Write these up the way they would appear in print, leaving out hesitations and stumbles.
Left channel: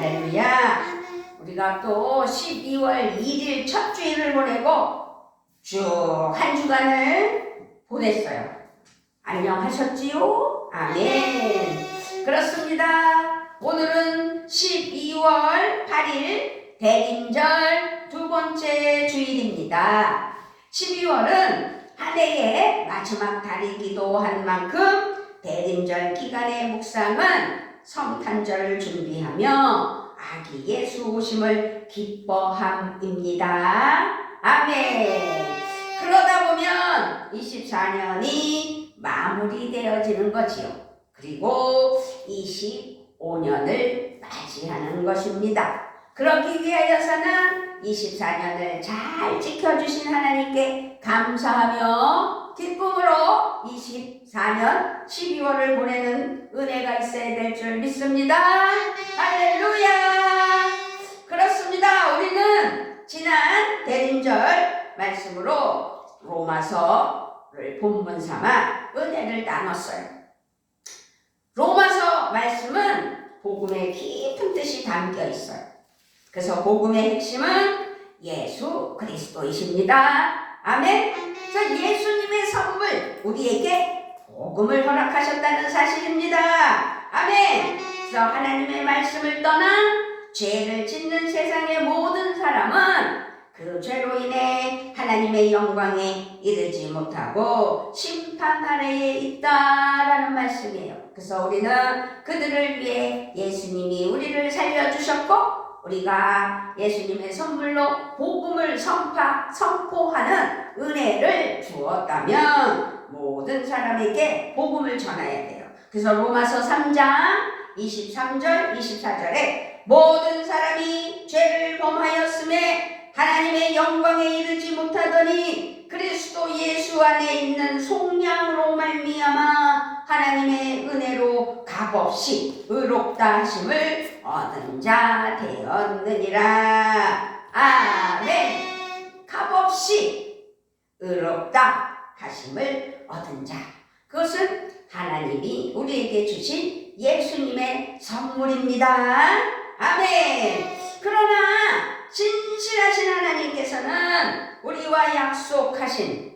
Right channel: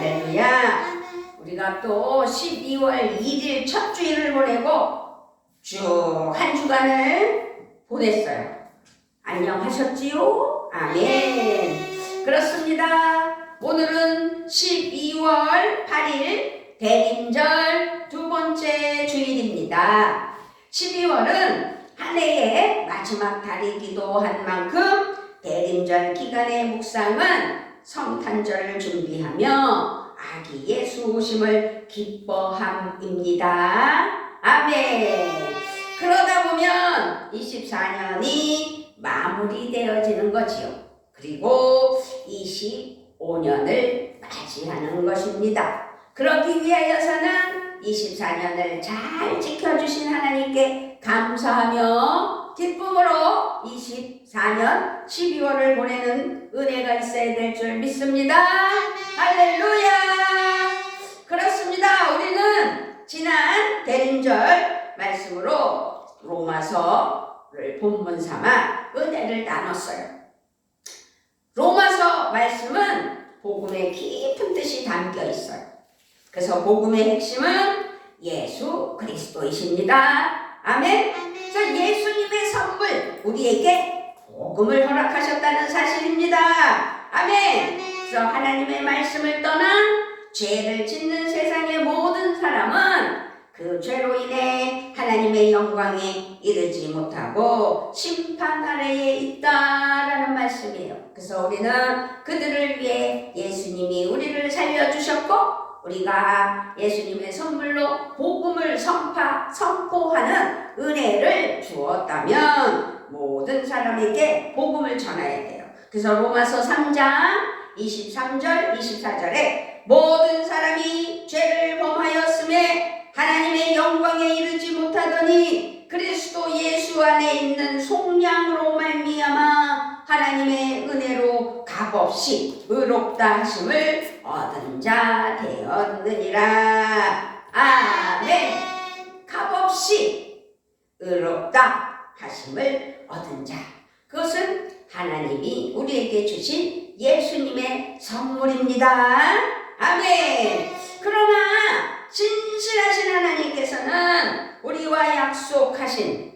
할렐루야. 우리가 또 12월 1일 첫 주일을 보내고 쭉 한 주간을 보냈어요. 안녕하셨지요? 아멘. 그렇습니다. 오늘은 12월 8일 대림절 두 번째 주일입니다. 12월은 한 해의 마지막 달이기도 한 만큼 대림절 기간의 묵상은 성탄절을 준비하며 아기 예수 오심을 기뻐함입니다. 아멘. 그러다 보면 24년이 마무리되어지는 거지요. 그리고 25년을 맞이하는 것입니다. 그렇기 위하여서는 24년을 잘 지켜주신 하나님께 감사하며 기쁨으로 24년 12월을 보내는 은혜가 있어야 될 줄 믿습니다. 할렐루야. 그렇습니다. 우리는 지난 대림절 말씀으로 로마서를 본문 삼아 은혜를 나눴어요. 로마서 말씀은 복음의 깊은 뜻이 담겨 있어요. 그래서 복음의 핵심은 예수 그리스도이십니다. 아멘. 그래서 예수님의 선물, 우리에게 복음을 허락하셨다는 사실입니다. 아멘. 그래서 하나님의 말씀을 떠난 죄를 짓는 세상의 모든 사람은 그 죄로 인해 하나님의 영광에 이르지 못하고 심판 아래에 있다라는 말씀이에요. 그래서 우리는 그들을 위해 예수님이 우리를 살려주셨고 우리가 예수님의 선물로 복음을 선포하는 은혜를 주었다면 모든 사람에게 복음을 전해야 돼요. 그래서 로마서 3장 23절 24절에 모든 사람이 죄를 범하였음에 하나님의 영광에 이르지 못하더니 그리스도 예수 안에 있는 속량으로 말미암아 하나님의 은혜로 값없이 의롭다 하심을 얻은 자 되었느니라. 아멘. 값없이 의롭다 하심을 얻은 자, 그것은 하나님이 우리에게 주신 예수님의 선물입니다. 아멘. 그러나 신실하신 하나님께서는 우리와 약속하신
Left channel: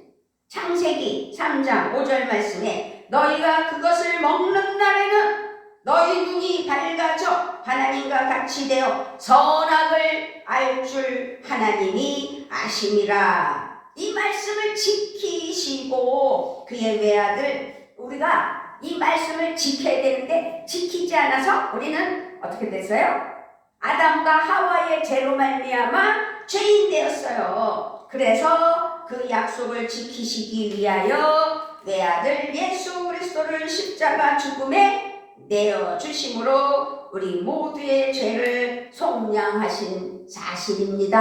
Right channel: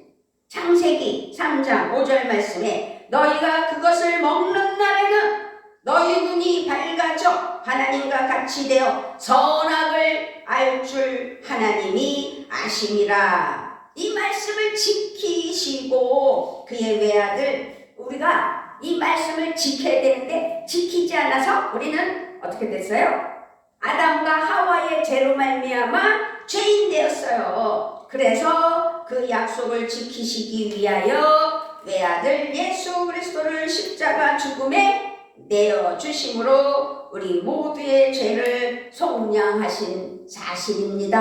창세기 3장 5절 말씀에 너희가 그것을 먹는 날에는 너희 눈이 밝아져 하나님과 같이 되어 선악을 알 줄 하나님이 아심이라. 이 말씀을 지키시고 그의 외아들 우리가 이 말씀을 지켜야 되는데 지키지 않아서 우리는 어떻게 됐어요? 아담과 하와의 죄로 말미암아 죄인 되었어요. 그래서 그 약속을 지키시기 위하여 외아들 예수 그리스도를 십자가 죽음에 내어주심으로 우리 모두의 죄를 속량하신 사실입니다.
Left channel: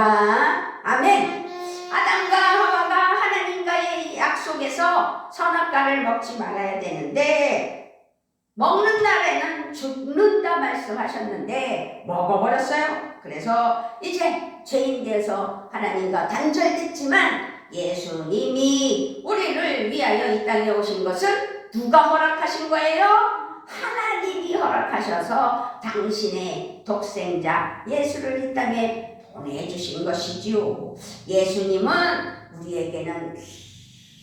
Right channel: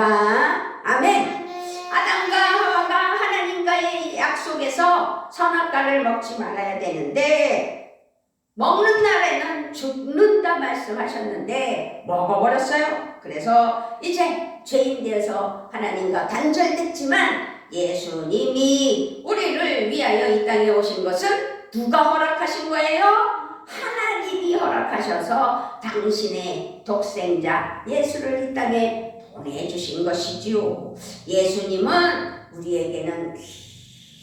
아멘. 아담과 하와가 하나님과의 약속에서 선악과를 먹지 말아야 되는데 먹는 날에는 죽는다 말씀하셨는데 먹어버렸어요. 그래서 이제 죄인 되어서 하나님과 단절됐지만 예수님이 우리를 위하여 이 땅에 오신 것은 누가 허락하신 거예요? 하나님이 허락하셔서 당신의 독생자 예수를 이 땅에 보내주신 것이지요. 예수님은 우리에게는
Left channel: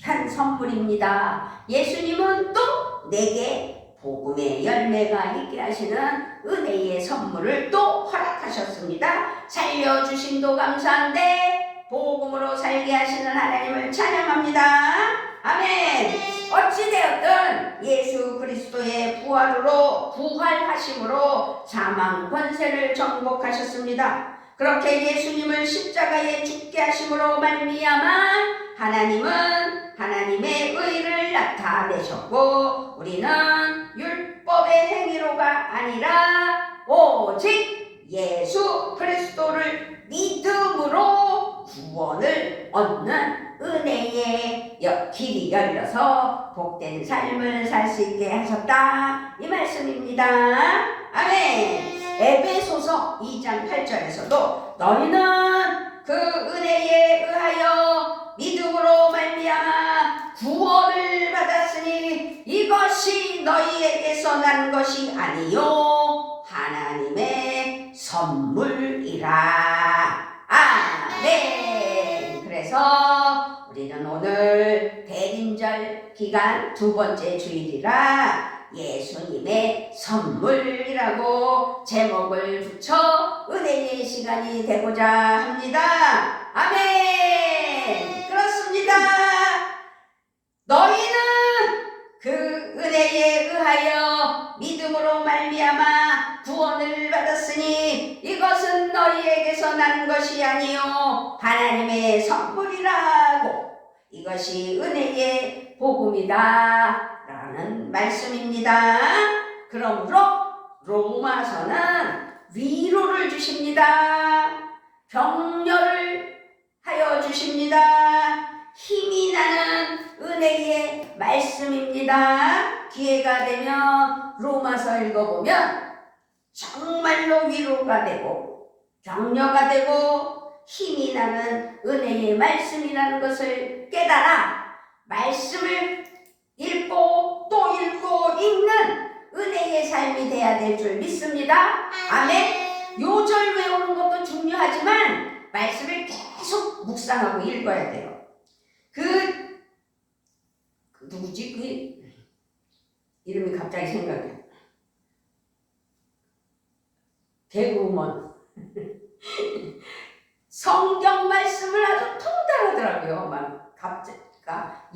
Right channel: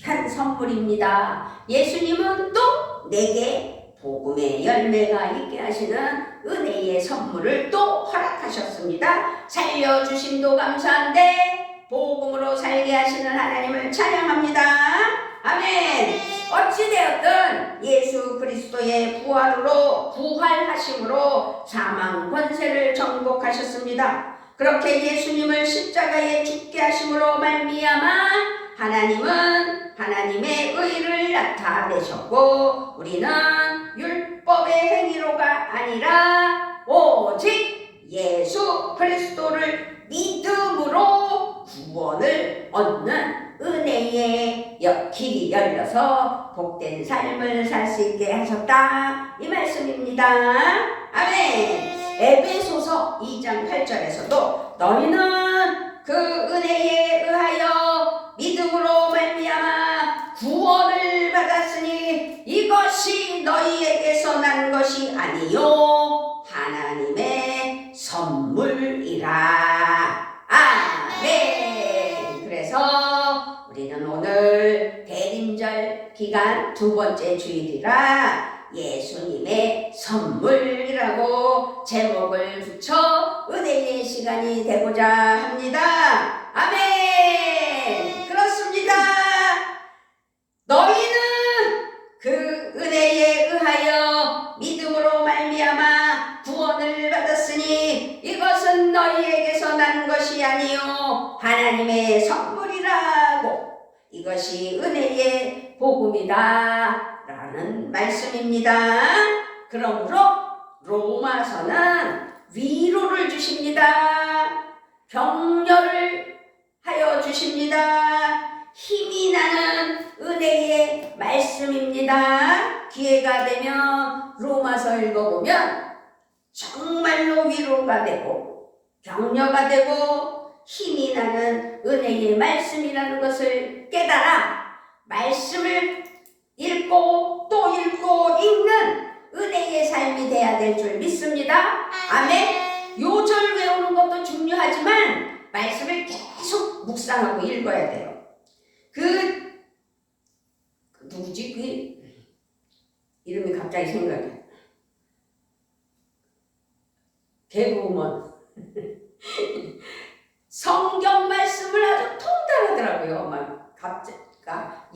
귀한 선물입니다. 예수님은 또 내게 복음의 열매가 있게 하시는 은혜의 선물을 또 허락하셨습니다. 살려주심도 감사한데 복음으로 살게 하시는 하나님을 찬양합니다. 아멘. 어찌되었든 예수 그리스도의 부활하심으로 사망 권세를 정복하셨습니다. 그렇게 예수님을 십자가에 죽게 하심으로 말미암아 하나님은 하나님의 의를 나타내셨고 우리는 율법의 행위로가 아니라 오직 예수 그리스도를 믿음으로 구원을 얻는 은혜의 길이 열려서 복된 삶을 살 수 있게 하셨다 이 말씀입니다. 아멘. 에베소서 2장 8절에서도 너희는 그 은혜에 의하여 믿음으로 말미암아 구원을 받았으니 이것이 너희에게서 난 것이 아니요 하나님의 선물이라. 아멘. 그래서 우리는 오늘 대림절 기간 두 번째 주일이라 예수님의 선물이라고 제목을 붙여 은혜의 시간이 되고자 합니다. 아멘. 그렇습니다. 너희는 그 은혜에 의하여 믿음으로 말미암아 구원을 받았으니 이것은 너희에게서 난 것이 아니요 하나님의 선물이라고. 이것이 은혜의 복음이다 라는 말씀입니다. 그러므로 로마서는 위로를 주십니다. 격려를 하여 주십니다. 힘이 나는 은혜의 말씀입니다. 기회가 되면 로마서 읽어보면 정말로 위로가 되고 격려가 되고 힘이 나는 은혜의 말씀이라는 것을 깨달아 말씀을 읽고 또 읽고 읽는 은혜의 삶이 돼야 될 줄 믿습니다. 아멘. 요절 외우는 것도 중요하지만 말씀을 계속 묵상하고 읽어야 돼요. 누구지? 이름이 갑자기 생각이 안 나. 개그우먼. 성경 말씀을 아주 통달하더라고요. 막 갑자기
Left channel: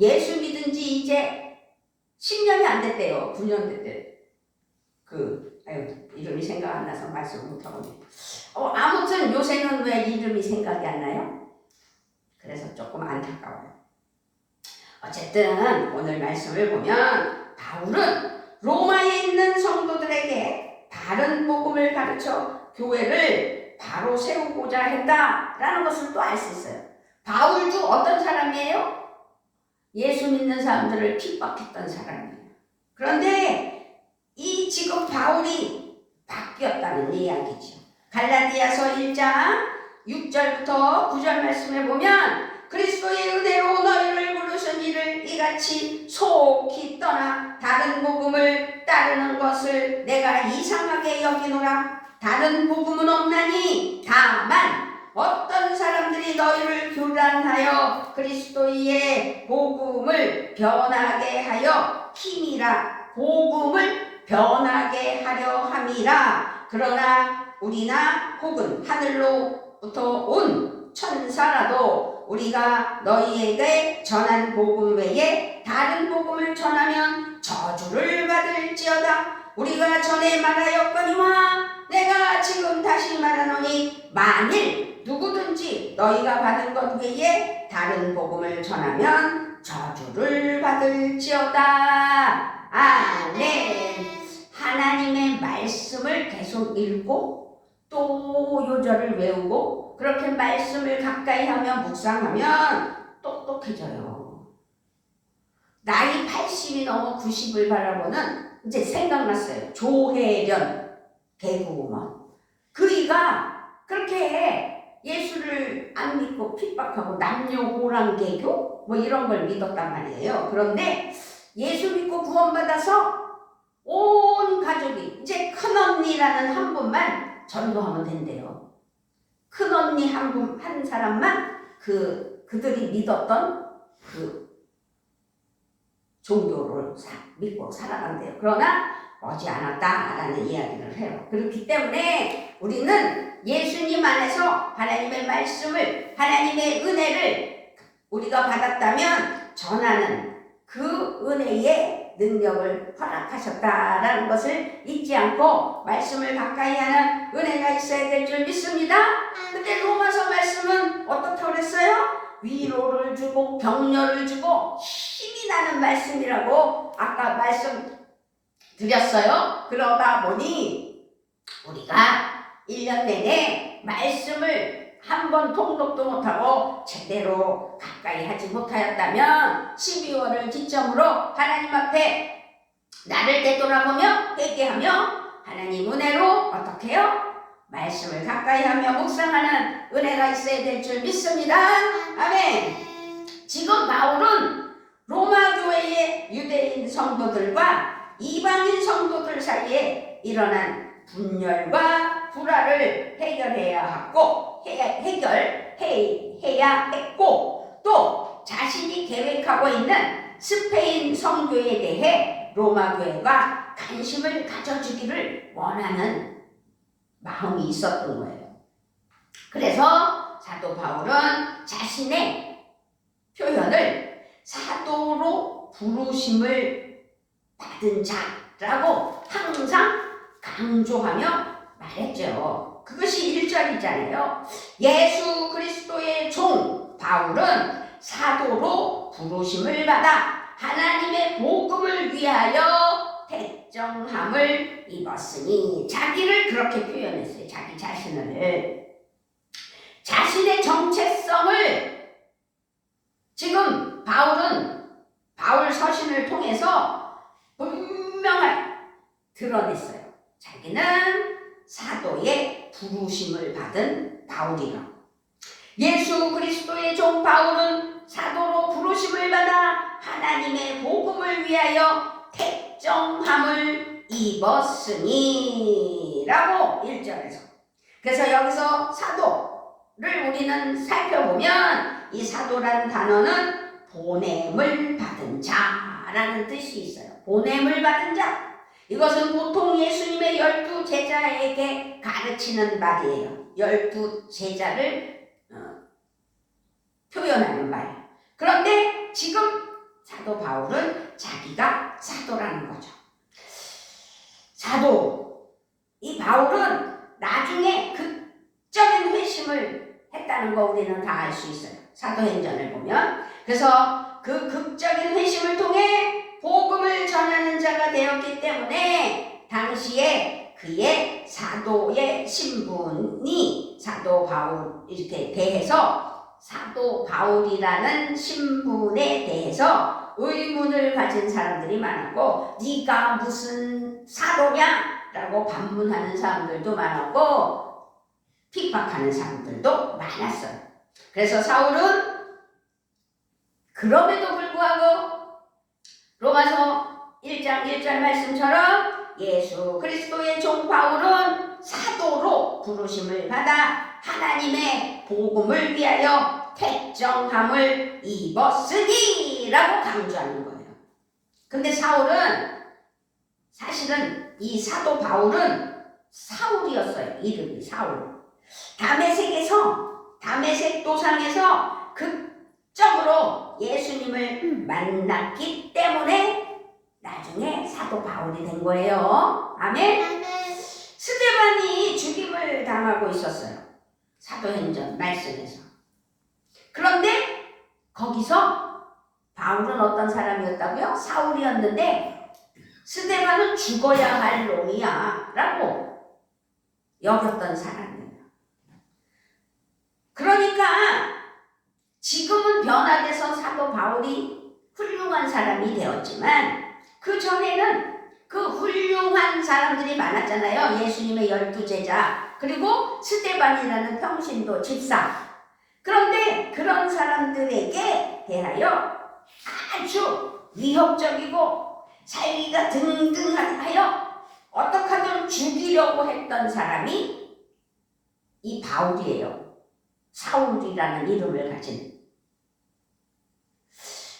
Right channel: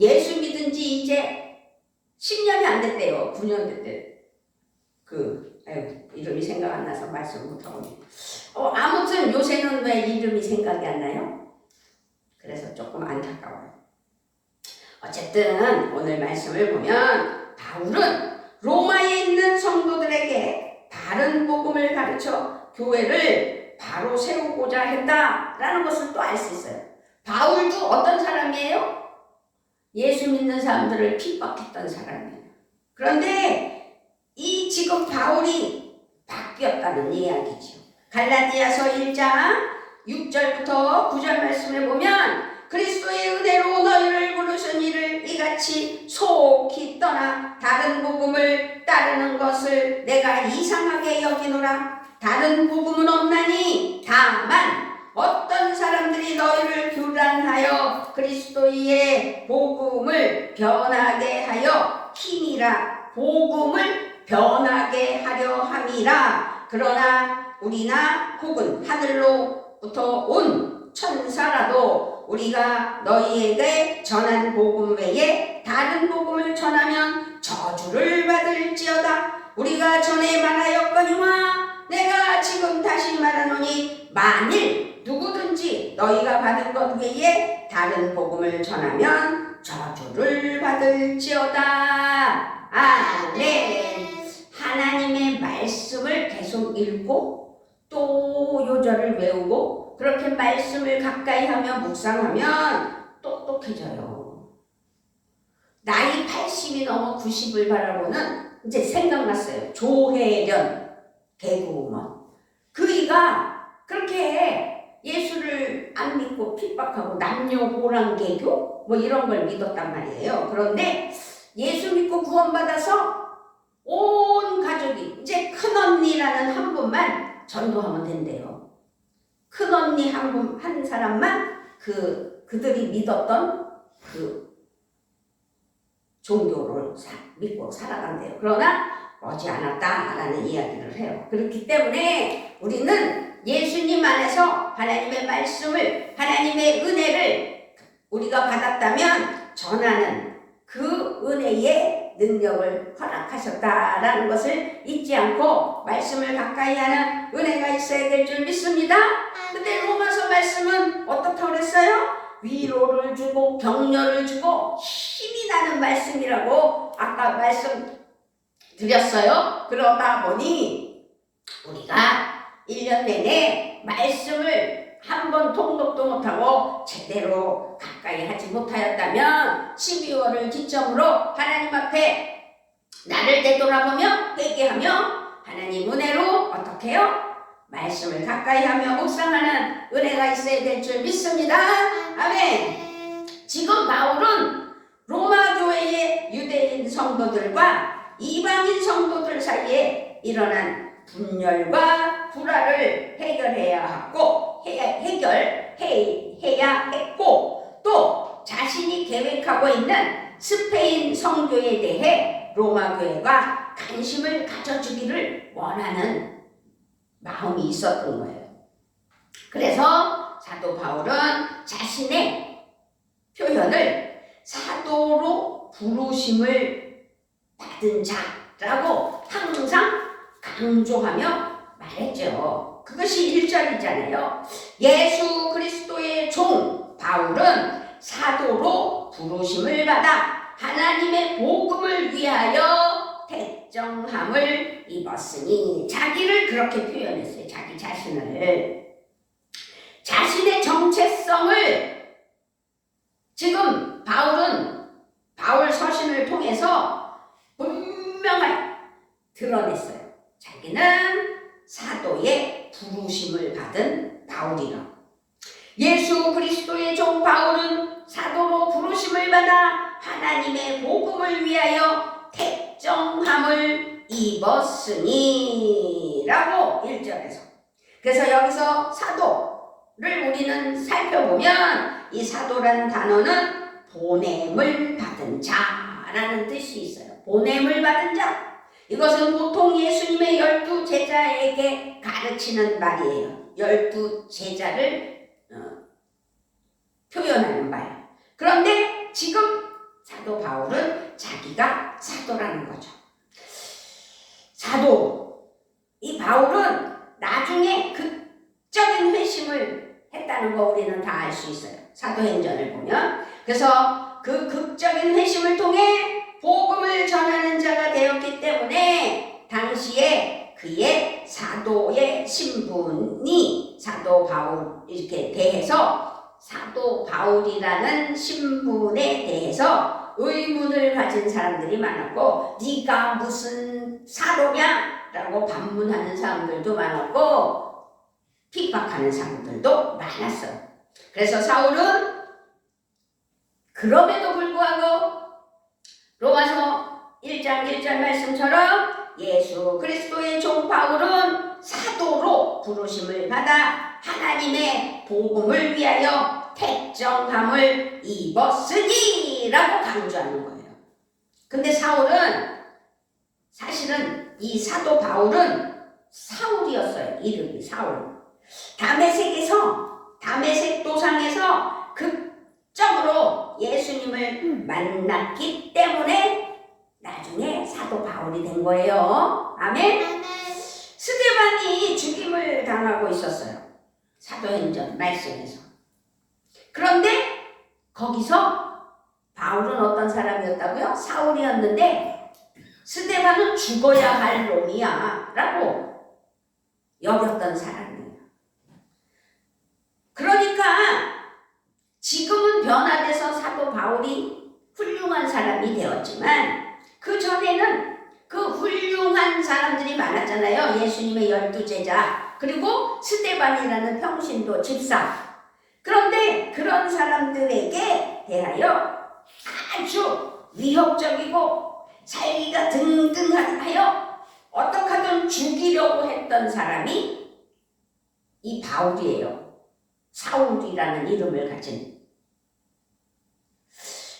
예수 믿은 지 이제 10년이 안 됐대요. 9년 됐대. 이름이 생각 안 나서 말씀을 못하고. 아무튼 요새는 왜 이름이 생각이 안 나요? 그래서 조금 안타까워요. 어쨌든 오늘 말씀을 보면 바울은 로마에 있는 성도들에게 다른 복음을 가르쳐 교회를 바로 세우고자 했다라는 것을 또 알 수 있어요. 바울도 어떤 사람이에요? 예수 믿는 사람들을 핍박했던 사람이에요. 그런데 이 지금 바울이 바뀌었다는 이야기죠. 갈라디아서 1장 6절부터 9절 말씀을 보면 그리스도의 은혜로 너희를 부르신 이를 이같이 속히 떠나 다른 복음을 따르는 것을 내가 이상하게 여기노라. 다른 복음은 없나니 다만 어떤 사람들이 너희를 교란하여 그리스도의 복음을 변하게 하여 힘이라 복음을 변하게 하려 함이라. 그러나 우리나 혹은 하늘로부터 온 천사라도 우리가 너희에게 전한 복음 외에 다른 복음을 전하면 저주를 받을지어다. 우리가 전에 말하였거니와 내가 지금 다시 말하노니 만일 누구든지 너희가 받은 것 외에 다른 복음을 전하면 저주를 받을지어다. 아멘. 하나님의 말씀을 계속 읽고 또 요절을 외우고 그렇게 말씀을 가까이 하면 묵상하면 똑똑해져요. 나이 80이 넘어 90을 바라보는 이제 생각났어요. 조혜련 개그우먼. 그이가 그렇게 예수를 안 믿고 핍박하고 남녀호랑개교 뭐 이런 걸 믿었단 말이에요. 그런데 예수 믿고 구원받아서 온 가족이 이제 큰언니라는 한 분만 전도하면 된대요. 큰언니 한 사람만 그들이 믿었던 그 종교를 믿고 살아간대요. 그러나 머지않았다라는 이야기를 해요. 그렇기 때문에 우리는 예수님 안에서 하나님의 말씀을 하나님의 은혜를 우리가 받았다면 전하는 그 은혜의 능력을 허락하셨다라는 것을 잊지 않고 말씀을 가까이 하는 은혜가 있어야 될 줄 믿습니다. 근데 로마서 말씀은 어떻다고 그랬어요? 위로를 주고 격려를 주고 힘이 나는 말씀이라고 아까 말씀드렸어요. 그러다 보니 우리가 1년 내내 말씀을 한 번 통독도 못하고 제대로 가까이 하지 못하였다면 12월을 기점으로 하나님 앞에 나를 되돌아보며 회개하며 하나님 은혜로 어떻게 해요? 말씀을 가까이 하며 묵상하는 은혜가 있어야 될 줄 믿습니다. 아멘. 지금 바울은 로마 교회의 유대인 성도들과 이방인 성도들 사이에 일어난 분열과 불화를 해야 했고, 또 자신이 계획하고 있는 스페인 성교에 대해 로마 교회가 관심을 가져주기를 원하는 마음이 있었던 거예요. 그래서 사도 바울은 자신의 표현을 사도로 부르심을 받은 자라고 항상 강조하며 말했죠. 그것이 1절이잖아요. 예수 그리스도의 종 바울은 사도로 부르심을 받아 하나님의 복음을 위하여 택정함을 입었으니, 자기를 그렇게 표현했어요. 자기 자신을. 자신의 정체성을 지금 바울 서신을 통해서 분명하게 드러냈어요. 자기는 사도의 부르심을 받은 바울이라. 예수 그리스도의 종 바울은 사도로 부르심을 받아 하나님의 복음을 위하여 택정함을 입었으니 라고 1절에서. 그래서 여기서 사도를 우리는 살펴보면 이 사도라는 단어는 보냄을 받은 자라는 뜻이 있어요. 보냄을 받은 자. 이것은 보통 예수님의 12제자에게 가르치는 말이에요. 12제자를 표현하는 말. 그런데 지금 사도 바울은 자기가 사도라는 거죠. 사도. 이 바울은 나중에 극적인 회심을 했다는 거 우리는 다 알 수 있어요. 사도행전을 보면. 그래서 그 극적인 회심을 통해 복음을 전하는 자가 되었기 때문에 당시에 그의 사도의 신분이 사도 바울 이렇게 대해서 사도 바울이라는 신분에 대해서 의문을 가진 사람들이 많았고, 네가 무슨 사도냐? 라고 반문하는 사람들도 많았고, 핍박하는 사람들도 많았어요. 그래서 사울은 그럼에도 불구하고 로마서 1장 1절 말씀처럼 예수 그리스도의 종 바울은 사도로 부르심을 받아 하나님의 복음을 위하여 택정함을 입었으니 라고 강조하는 거예요. 근데 사실은 이 사도 바울은 사울이었어요. 이름이 사울. 다메섹 도상에서 극적으로 예수님을 만났기 때문에 나중에 사도 바울이 된 거예요. 아멘. 스데반이 죽임을 당하고 있었어요. 사도행전 말씀에서. 그런데 거기서 바울은 어떤 사람이었다고요? 사울이었는데 스데반은 죽어야 할 놈이야 라고 여겼던 사람이에요. 그러니까 지금은 변화돼서 사도 바울이 훌륭한 사람이 되었지만 그 전에는 그 훌륭한 사람들이 많았잖아요. 예수님의 12제자, 그리고 스데반이라는 평신도 집사. 그런데 그런 사람들에게 대하여 아주 위협적이고 살기가 등등하여 어떻게 하든 죽이려고 했던 사람이 이 바울이에요. 사울이라는 이름을 가진.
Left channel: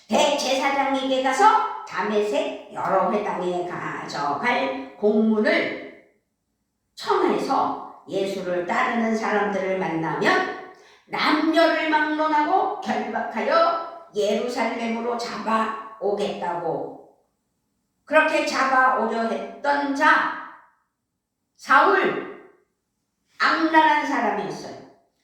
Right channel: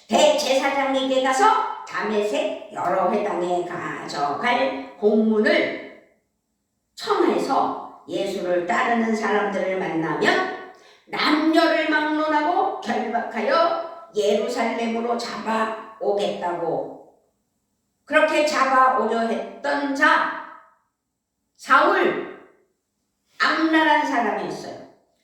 대제사장에게 가서 다메섹 여러 회당에 가져갈 공문을 청해서 예수를 따르는 사람들을 만나면 남녀를 막론하고 결박하여 예루살렘으로 잡아오겠다고, 그렇게 잡아오려 했던 자 사울, 악랄한 사람이었어요.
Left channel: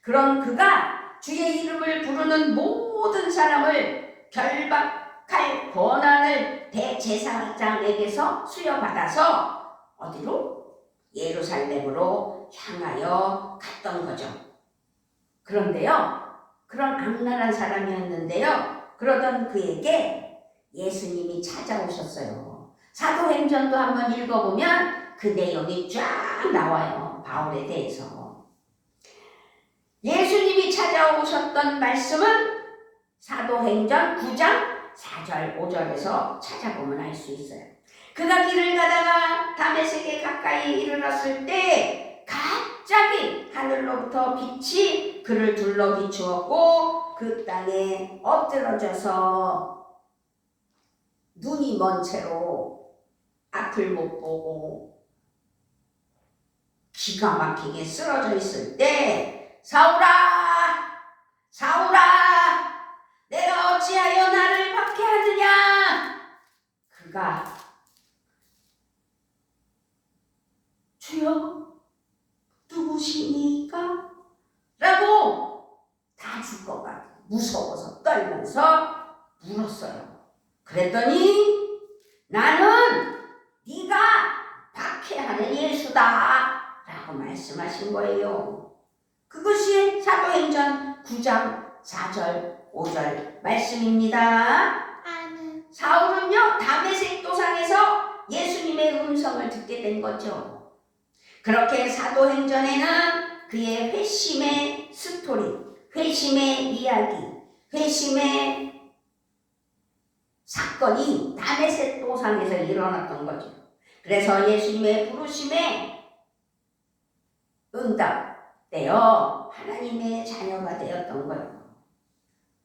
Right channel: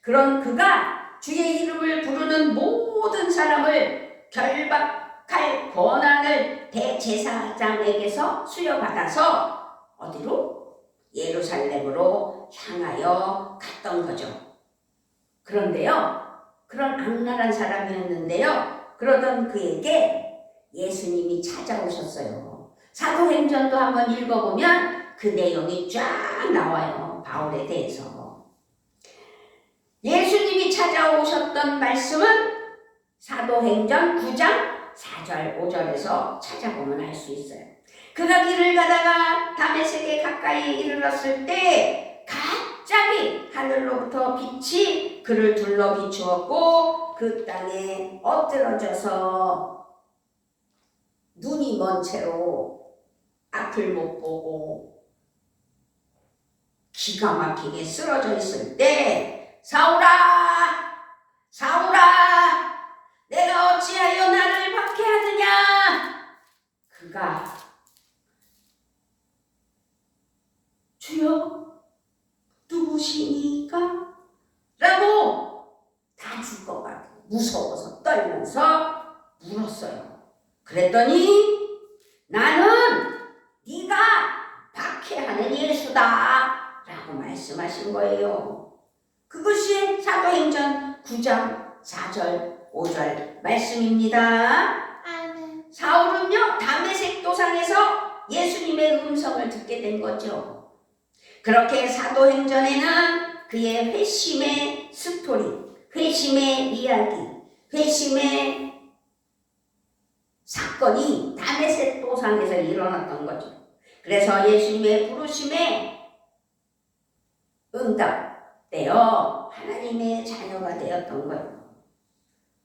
그런 그가 주의 이름을 부르는 모든 사람을 결박할 권한을 대제사장에게서 수여받아서 어디로? 예루살렘으로 향하여 갔던 거죠. 그런데요, 그런 악랄한 사람이었는데요, 그러던 그에게 예수님이 찾아오셨어요. 사도행전도 한번 읽어보면 그 내용이 쫙 나와요. 바울에 대해서. 예수님이 찾아오셨던 말씀은 사도행전 9장 4절 5절에서 찾아보면 알 수 있어요. 그가 길을 가다가 다메섹에 가까이 이르렀을 때 갑자기 하늘로 하늘로부터 빛이 그를 둘러 비추었고 그 땅에 엎드러져서 눈이 먼 채로 앞을 못 보고 기가 막히게 쓰러져 있을 때 사울아 사울아 내가 어찌하여 나를 박해하느냐. 그가 주여 누구시니까? 라고 다 죽을 것 같아 무서워서 떨면서 물었어요. 그랬더니 나는 네가 박해하는 예수다 라고 말씀하신 거예요. 그것이 사도행전 9장 4절 5절 말씀입니다. 아멘. 사울은요 다메섹 도상에서 예수님의 음성을 듣게 된 거죠. 그렇게 사도행전에는 그의 회심의 스토리, 회심의 이야기, 회심의 사건이 다메섹 도상에서 일어났던 거죠. 그래서 예수님의 부르심에 응답되어 하나님의 자녀가 되었던 거예요.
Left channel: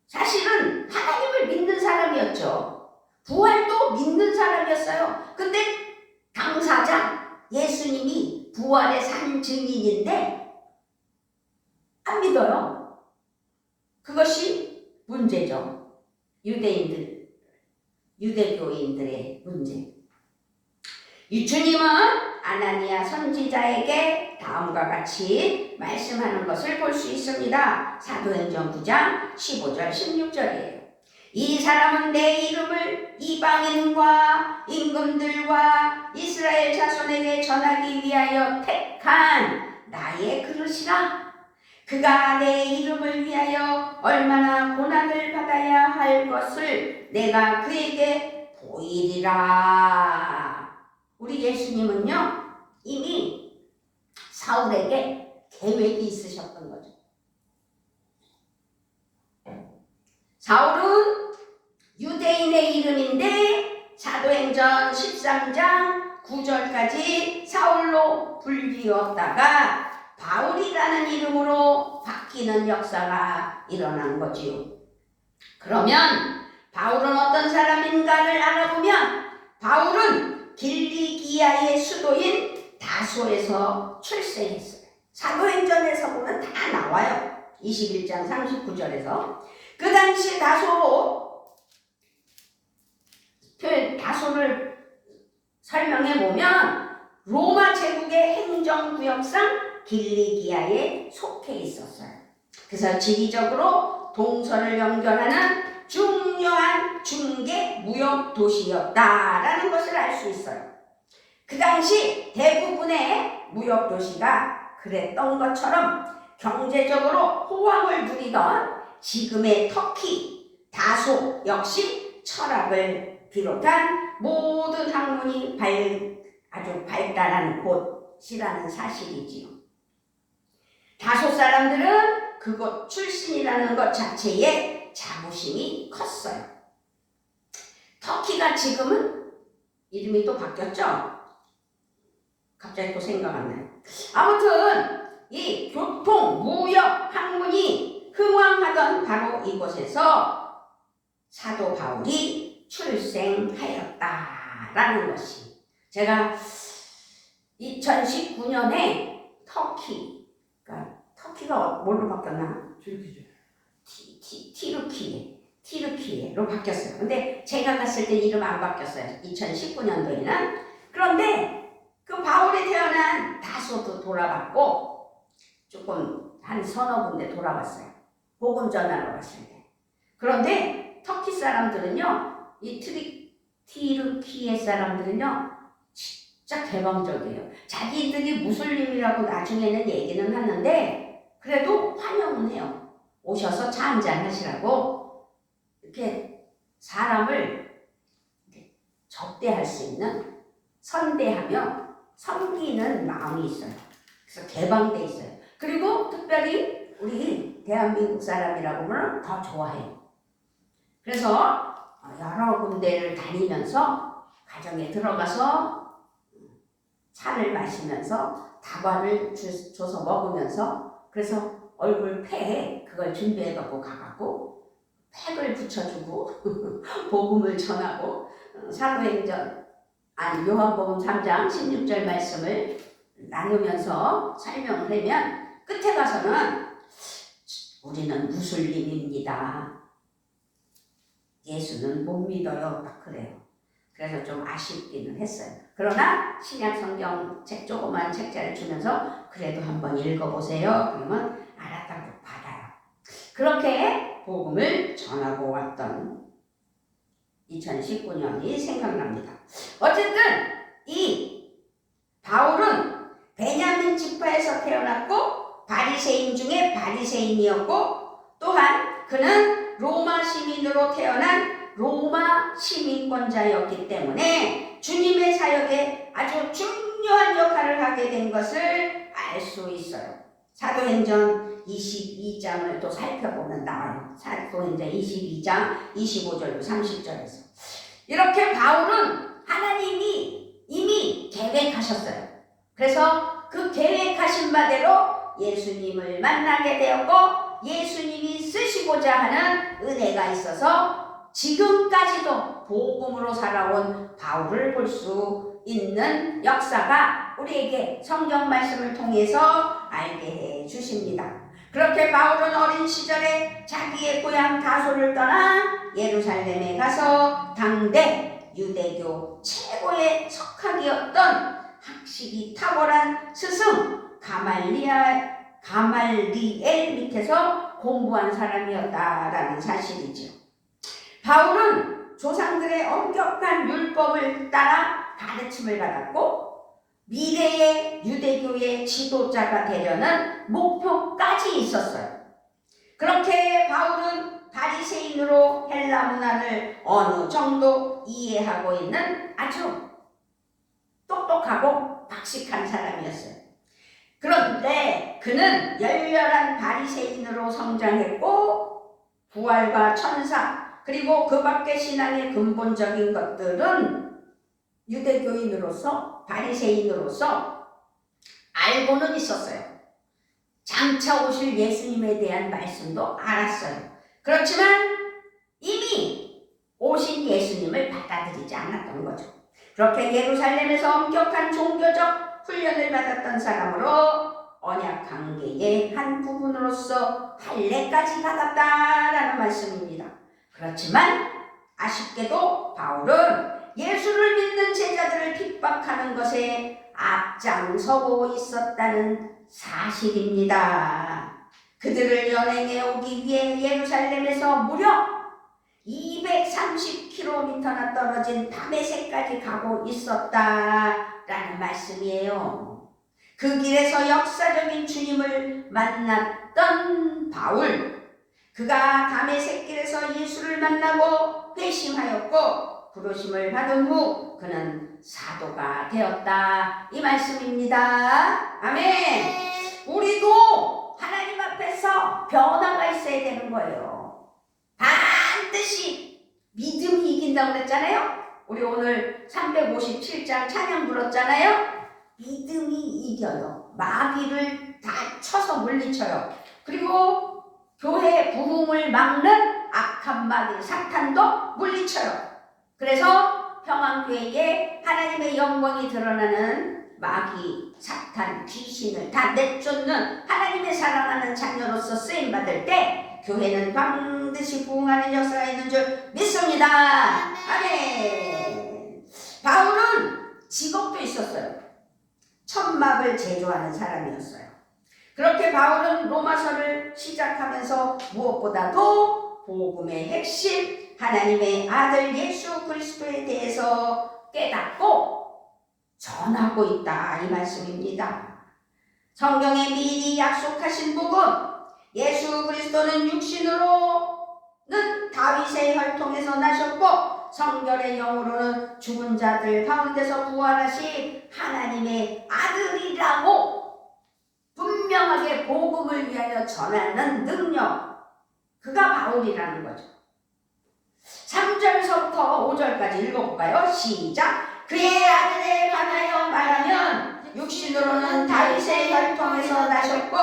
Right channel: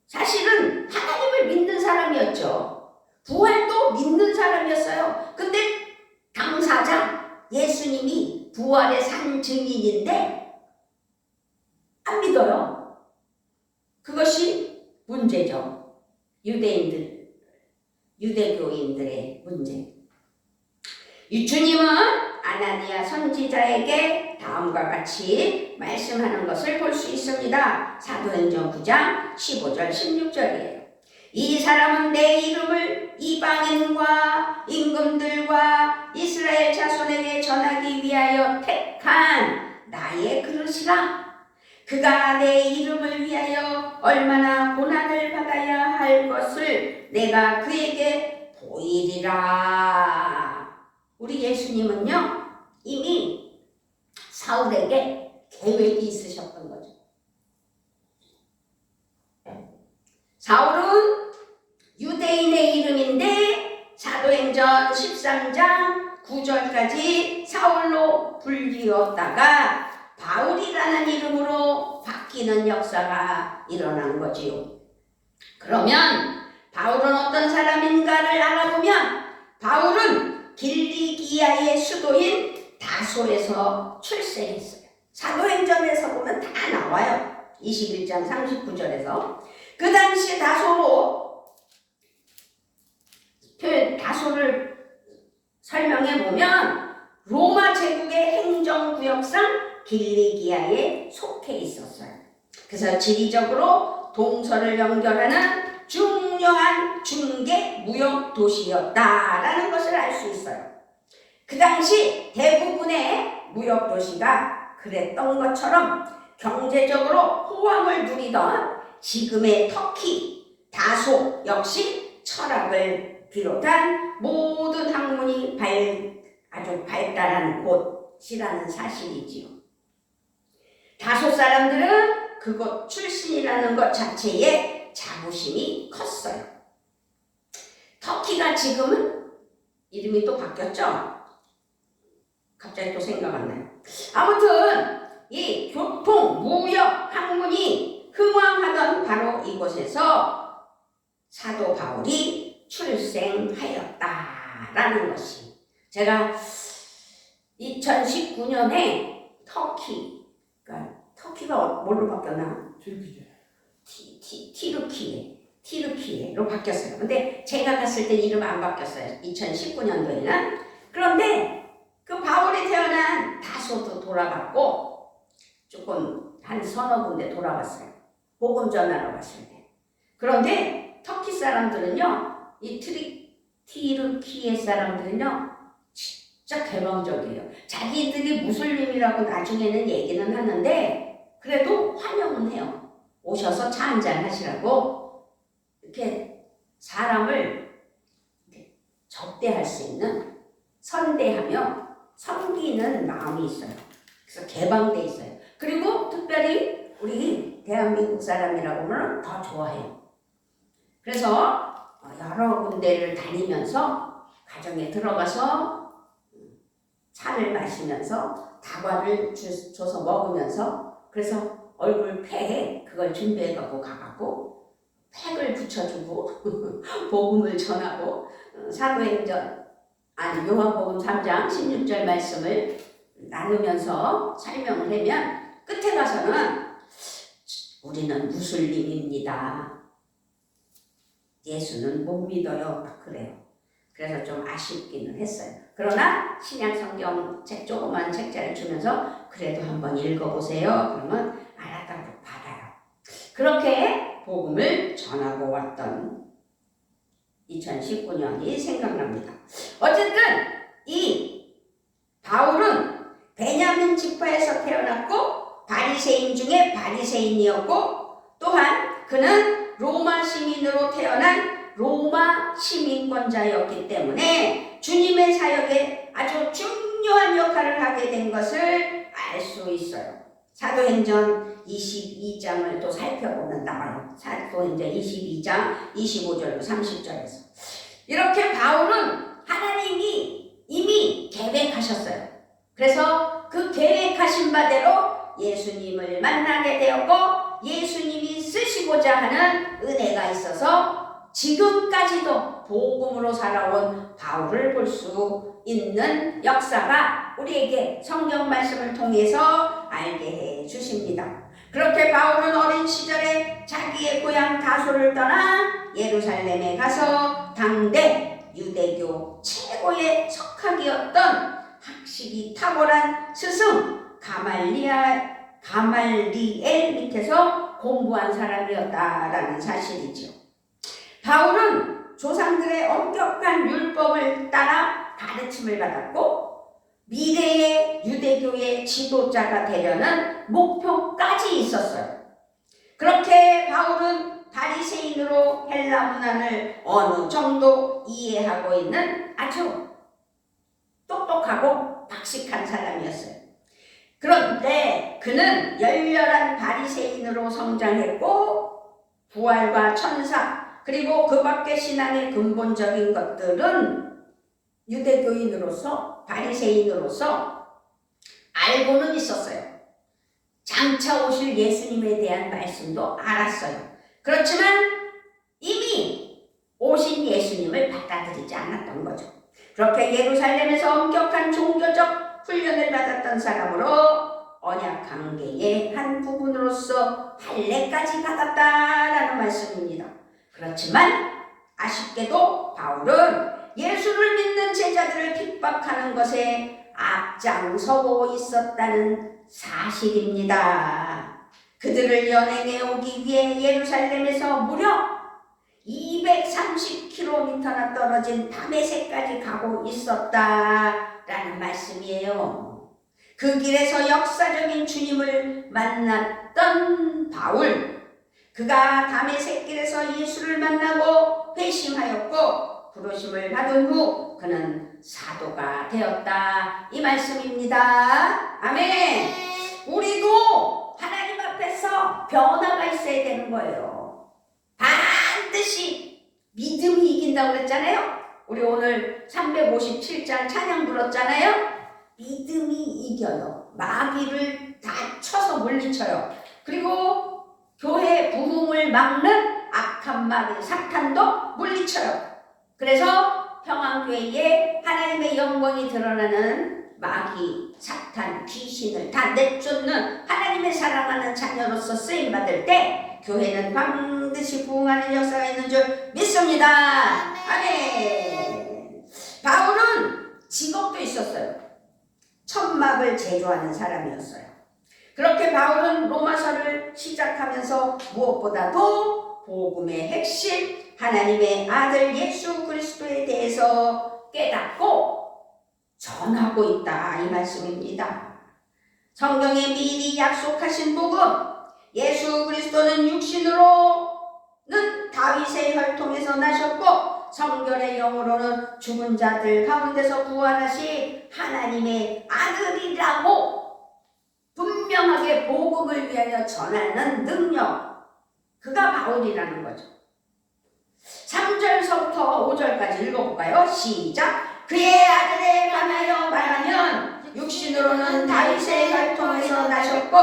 사실은 하나님을 믿는 사람이었죠. 부활도 믿는 사람이었어요. 근데 당사자 예수님이 부활의 산 증인인데 안 믿어요. 그것이 문제죠. 유대교인들의 문제. 주님은 아나니아 선지자에게 다음과 같이 말씀하는 것을 볼 수 있습니다. 사도행전 9장 15절 16절이에요. 이 사람은 내 이름을 이방인과 임금들과 이스라엘 자손에게 전하기 위하여 택한 나의 그릇이라. 그가 내 이름을 위하여 얼마나 고난을 받아야 할 것을 내가 그에게 보이리라. 우리 예수님은요 이미 사울에게 계획이 있으셨던 거죠. 사울은 유대인의 이름인데 사도행전 13장 9절까지 사울로 불리웠다가 바울이라는 이름으로 바뀌는 역사가 일어난 거지요. 그러면 바울은 어떤 사람인가를 알아보면 바울은 길리기아의 수도인 다소에서 출생했어요. 사도행전에서 보면 다 나와요. 21장 39절에서. 그 당시 다소를 설명해 보면 로마 제국의 행정구역상 길리기아에 속해 있었어요. 그래서 지리적으로 동서를 연결하는 중요한 중개 무역 도시였다라는 것을 알 수 있어요. 그 당시 대부분의 무역 도시가 그랬던 것처럼 경제적으로 호황을 누리던 지금의 터키, 다소 역시 철학을 비롯한 모든 학문이 아주 발달한 곳이라는 사실이지요. 다소 사람들은 그곳 출신이라는 것 자체에 자부심이 컸어요. 터키가 지금은 이름이 또 바뀌었죠? 갑자기 또 생각 안 나요. 아무튼 이 교통, 무역, 학문이 흥왕하던 바로 이곳에서 사도 바울이 출생하였다라는 것이, 제가 2019년에 터키가 뭘로 바뀌었나? 티르키예로 바뀌었어요. 근데 제가 갔을 때 이름 안 바뀌었어요. 2019년도에는. 그런데 그 바울이 태어난 다소도 돌아갔고 조금 한 서너 군데 돌아갔어요. 복음 전하러 갔을 때. 그런데 터키 사람들은요, 이 티르키예 사람들은요 진짜 개방적이에요. 자기들이 무슬림이라고 나중에는 얘기는 하는데 그래도 환영은 해요. 오셔서 차 한잔 하시라고 이렇게 사람을 이렇게 접대할 수 있는, 선대하며 섬기는 마음이 있어요. 그래서 개방돼 있어요. 그리고 특별히 우리 대한민국 사람이라고 하면 더 좋아해요. 그래서 여러 군데를 다니면서 가정에 들어가서 차를 마시면서 다과를 줘서 먹으면서 그래서 얼굴 팩에 그걸 준비해갖고 가갖고 팩을 붙여주고 복음을 전하고 요한복음 3장 16절 말씀을 나누면서 설명을 하면 끝에 가서는 우리는 무슬림입니다. 예수는 못 믿어요. 막 그래요. 그래서 좀 아쉽기는 했어요. 그러나 신약 성경 책 조그만 책자를 주면서 그래도 한번 읽어보세요. 그러면 알았다고 받아요. 그렇게 복음을 전하고 왔던 2019년이 생각납니다. 어쨌든 이 바울은 베냐민 지파에서 태어났고 바리새인 중에 바리새인이었고 또한 그는 로마 시민으로 태어난 로마 시민권자였기 때문에 주님의 사역에 아주 중요한 역할을 하게 된 것을 알 수 있어요. 사도행전 22장을 또 살펴보면 나와요. 사도행전 22장 25절 30절에서 이렇게 바울은 하나님이 이미 계획하셨어요. 그래서 그 계획하신 바대로 예수님을 만나게 되었고 예수님이 쓰시고자 하는 은혜가 있어서 지금까지도 복음으로 살아온 바울을 볼 수 있는 역사가 우리에게 성경 말씀을 통해서 알게 해 주십니다. 그렇게 바울은 어린 시절에 자기의 고향 다소를 떠나 예루살렘에 가서 당대 유대교 최고의 석학이었던 학식이 탁월한 스승 가말리엘 밑에서 공부한 사람이었다라는 사실이죠. 바울은 조상들의 엄격한 율법을 따라 가르침을 받았고 미래의 유대교의 지도자가 되려는 목표까지 있었어요. 그렇게 바울은 바리새인으로 헬라 문화를 어느 정도 이해하고 있는 아주 똑똑하고 박식한 사람이었어요. 그런데 그는 열렬한 바리새인으로 성장했고 부활과 천사 그리고 그 밖의 신앙의 근본적인 것들은 유대교인으로서 바리새인으로서 알고는 있었어요. 장차 오실 예수님에 대한 말씀도 알았어요. 그렇지만 이미 오신 예수님을 받아들이지 않았던 거죠. 그렇게 예루살렘에서 엄격한 종교적 훈련을 받았던 사람으로 언약 관계의 한 부분으로서 할례까지 받았다라는 말씀입니다. 그렇지만 아쉽게도 바울은 예수를 믿는 제자들을 핍박하는 것에 앞장서고 있었다는 사실입니다. 그들을 연행해 오기 위해 예루살렘에서 무려 230km나 떨어진 다메섹까지 가고 있었다라는 말씀이에요. 그 길에서 역사적인 주님을 만났던 바울, 그가 다메섹 길에서 예수를 만나고 회심하였고 부르심을 받은 후 그는 사도가 되었다 이 말씀입니다. 아멘. 우리도 하나님 앞에서 변화가 있어야 되는 거예요. 반드시 믿음이 이긴다고 그랬잖아요. 우리 오늘 357장 찬양 불렀잖아요. 믿음이 이겨요. 마귀를 다 쳐서 물리쳐요. 그리고 교회 부흥을 막는 악한 마귀 사탄도 물리쳐요. 그래서 평안교회에 하나님의 영광이 드러나는 마귀, 사탄, 귀신을 다 내쫓는 하나님의 사랑하는 자녀로서 쓰임받을 때 교회는 반드시 부흥하는 역사가 있는 줄 믿습니다. 아멘. 바울은 직업도 있었어요. 천막을 제조하는 사람이었어요. 그렇게 바울은 로마서를 시작하면서 무엇보다도 복음의 핵심 하나님의 아들 예수 그리스도에 대해서 깨닫고 전하고 있다 이 말씀입니다. 성경에 미리 약속하신 복음 예수 그리스도는 육신으로는 다윗의 혈통에서 나셨고 성결의 영으로는 죽은 자들 가운데서 부활하신 하나님의 아들이라고 분명하게 복음을 위하여 전하는 능력 그가 바울이라는 거죠. 3절서부터 5절까지 읽어볼까요? 시작! 그의 아들에 관하여 말하면 육신으로는 다윗의 혈통에서 나셨고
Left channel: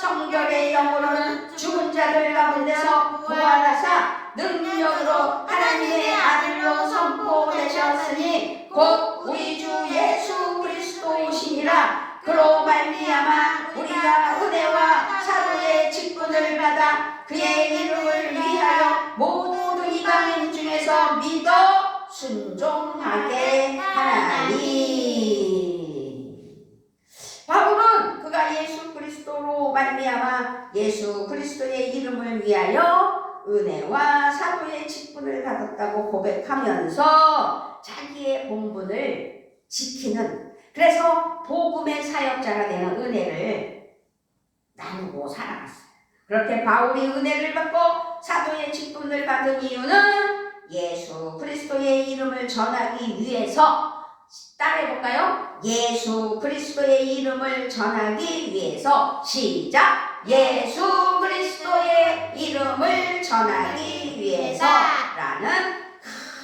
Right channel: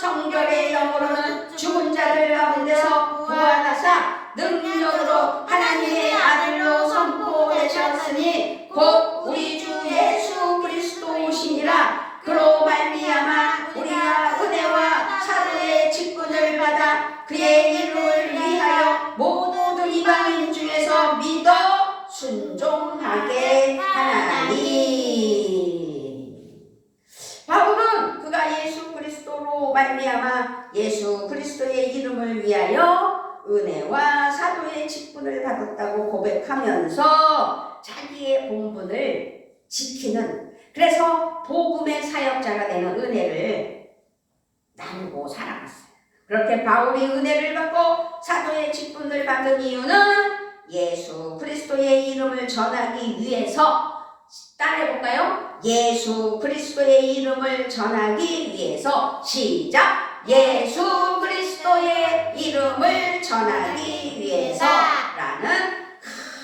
성결의 영으로는 죽은 자들 가운데서 부활하사 능력으로 하나님의 아들로 선포되셨으니 곧 우리 주 예수 그리스도이시니라. 그로 말미암아 우리가 은혜와 사도의 직분을 받아 그의 이름을 위하여 모든 이방인 중에서 믿어 순종하게 하나니. 바울은 그가 예수 그리스도로 말미암아 예수 그리스도의 이름을 위하여 은혜와 사도의 직분을 받았다고 고백하면서 자기의 본분을 지키는, 그래서 복음의 사역자가 되는 은혜를 나누고 살아갔어요. 그렇게 바울이 은혜를 받고 사도의 직분을 받은 이유는 예수 그리스도의 이름을 전하기 위해서. 따라해볼까요? 예수 그리스도의 이름을 전하기 위해서. 시작! 예수 그리스도의 이름을 전하기 위해서라는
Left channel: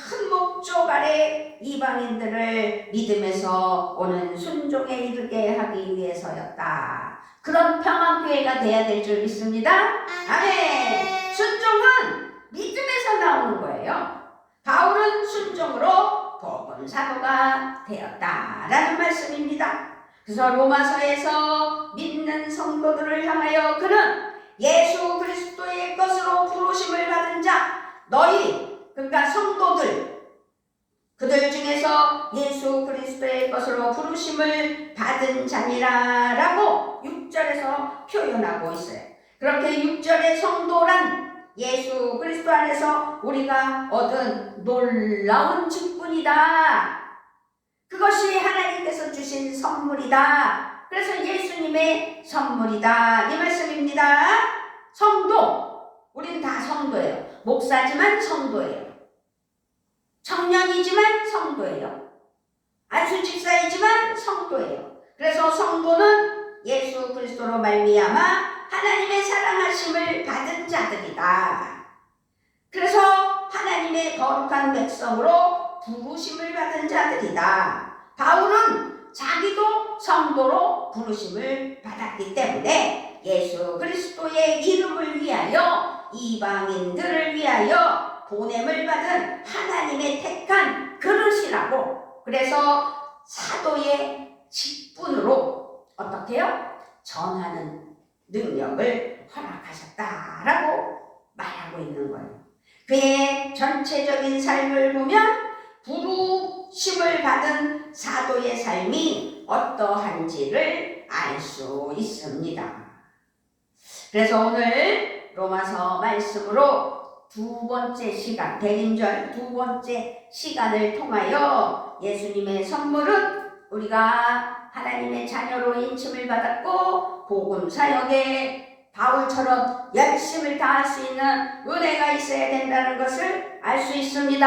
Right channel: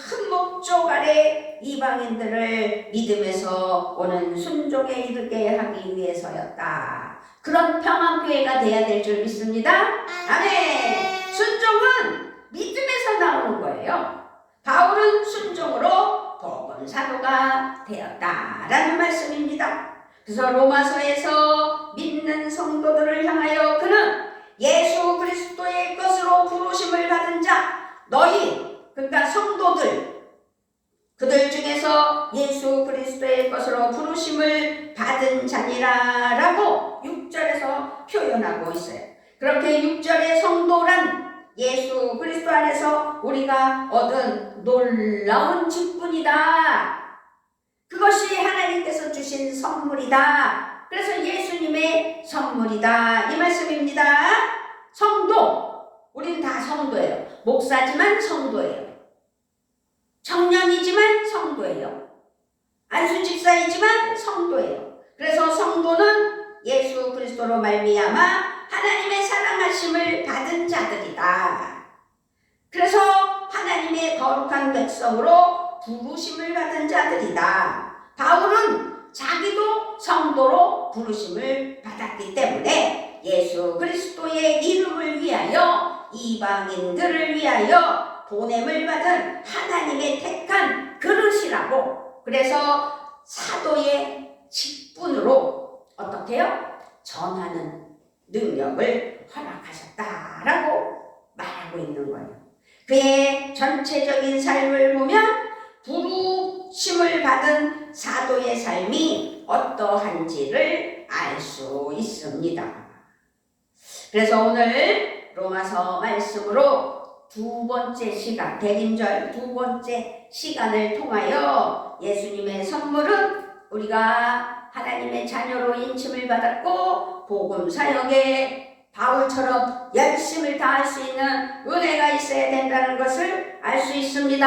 큰 목적 아래 이방인들을 믿음에서 오는 순종에 이르게 하기 위해서였다. 그런 평안교회가 돼야 될 줄 믿습니다. 아멘. 순종은 믿음에서 나오는 거예요. 바울은 순종으로 복음 사도가 되었다라는 말씀입니다. 그래서 로마서에서 믿는 성도들을 향하여 그는 예수 그리스도의 것으로 부르심을 받은 자, 너희, 그러니까 성도들, 그들 중에서 예수 그리스도의 것으로 부르심을 받은 자니라 라고 6절에서 표현하고 있어요. 그렇게 6절의 성도란 예수 그리스도 안에서 우리가 얻은 놀라운 직분이다. 그것이 하나님께서 주신 선물이다. 그래서 예수님의 선물이다, 이 말씀입니다. 성도, 우리는 다 성도예요. 목사지만 성도예요. 청년이지만 성도예요. 안수집사이지만 성도예요. 그래서 성도는 예수 그리스도로 말미암아 하나님의 사랑하심을 받은 자들이다. 그래서 하나님의 거룩한 백성으로 부르심을 받은 자들이다. 바울은 자기도 성도로 부르심을 받았기 때문에 예수 그리스도의 이름을 위하여, 이방인들을 위하여 보냄을 받은 하나님의 택한 그릇이라고, 그래서 사도의 직분으로 어떻게 해요? 전하는 능력을 허락하셨다라고 말하고 있는 거예요. 그의 전체적인 삶을 보면 부르심을 받은 사도의 삶이 어떠한지를 알 수 있습니다. 그래서 오늘 로마서 말씀으로 두 번째 시간, 대림절 두 번째 시간을 통하여 예수님의 선물은 우리가 하나님의 자녀로 인침을 받았고 복음 사역에 바울처럼 열심을 다할 수 있는 은혜가 있어야 된다는 것을 알 수 있습니다.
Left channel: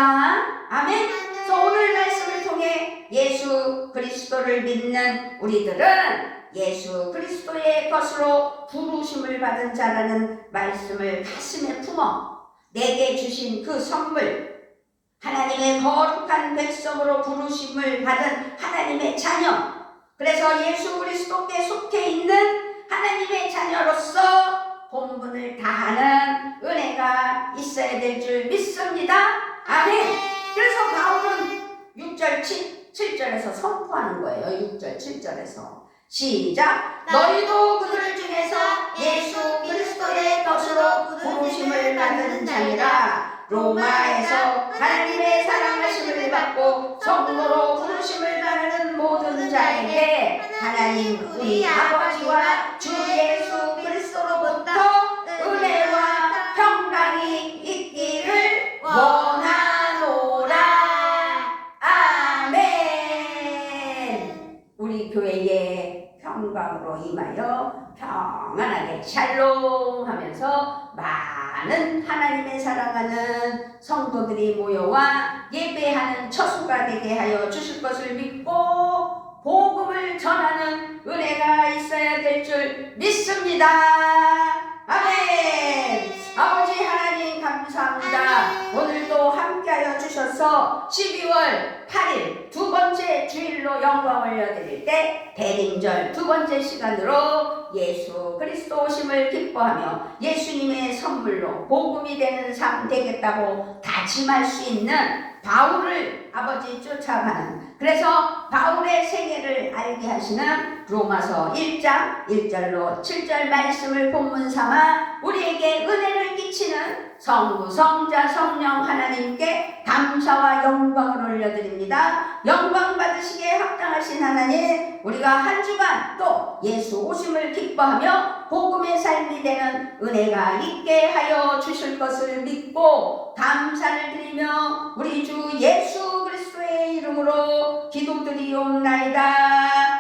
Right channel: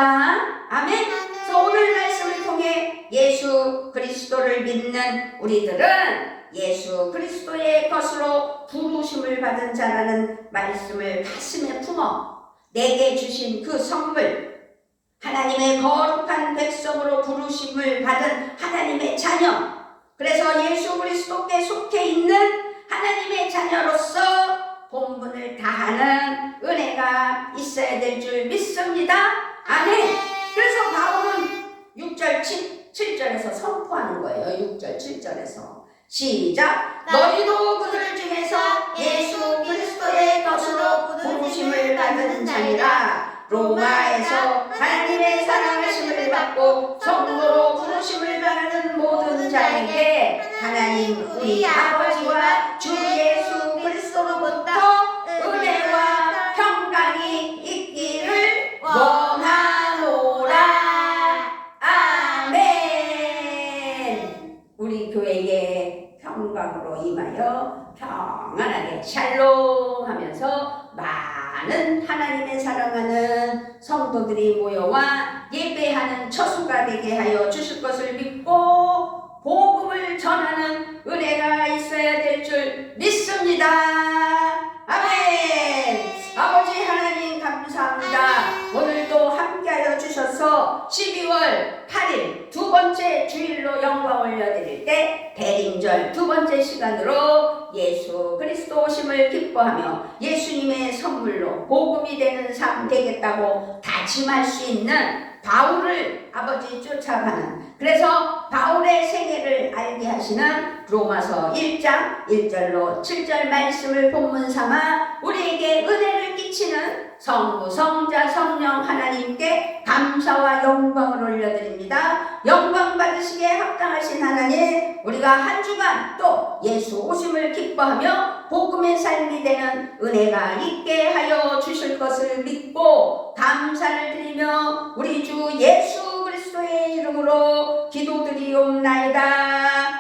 아멘. 그래서 오늘 말씀을 통해 예수 그리스도를 믿는 우리들은 예수 그리스도의 것으로 부르심을 받은 자라는 말씀을 가슴에 품어 내게 주신 그 선물, 하나님의 거룩한 백성으로 부르심을 받은 하나님의 자녀, 그래서 예수 그리스도께 속해 있는 하나님의 자녀로서 본분을 다하는 은혜가 있어야 될 줄 믿습니다. 아멘. 그래서 바울은 6절 7절에서 선포하는 거예요. 6절 7절에서 시작. 너희도 그들 중에서 예수 그리스도의 것으로 부르심을 받은 자니라. 로마에서 하나님의 사랑하심을 받고 성도로 부르심을 받는 모든 자에게 하나님 우리 아버지와 주 예수 그리스도로부터 은혜와 평강이 있기를 원하노라. 아멘. 우리 교회에 평강으로 임하여 평안하게 샬롬 하면서 많은 하나님의 사랑하는 성도들이 모여와 예배하는 처수가 되게 하여 주실 것을 믿고 복음을 전하는 은혜가 있어야 될 줄 믿습니다. 아멘. 아버지 하나님 감사합니다. 오늘도 함께하여 주셔서 12월 8일 두 번째 주일로 영광 올려드릴 때 대림절 두 번째 시간으로 예수 그리스도 오심을 기뻐하며 예수님의 선물로 복음이 되는 삶 되겠다고 다짐할 수 있는 바울을 아버지 쫓아가는, 그래서 바울의 생애를 알게 하시는 로마서 1장 1절로 7절 말씀을 본문 삼아 우리에게 은혜를 끼치는 성부 성자 성령 하나님께 감사와 영광을 올려드립니다. 영광 받으시기에 합당하신 하나님, 우리가 한 주간 또 예수 오심을 기뻐하며 복음의 삶이 되는 은혜가 있게 하여 주실 것을 믿고 감사를 드리며 우리 주 예수 그리스도의 이름으로 기도드리옵나이다.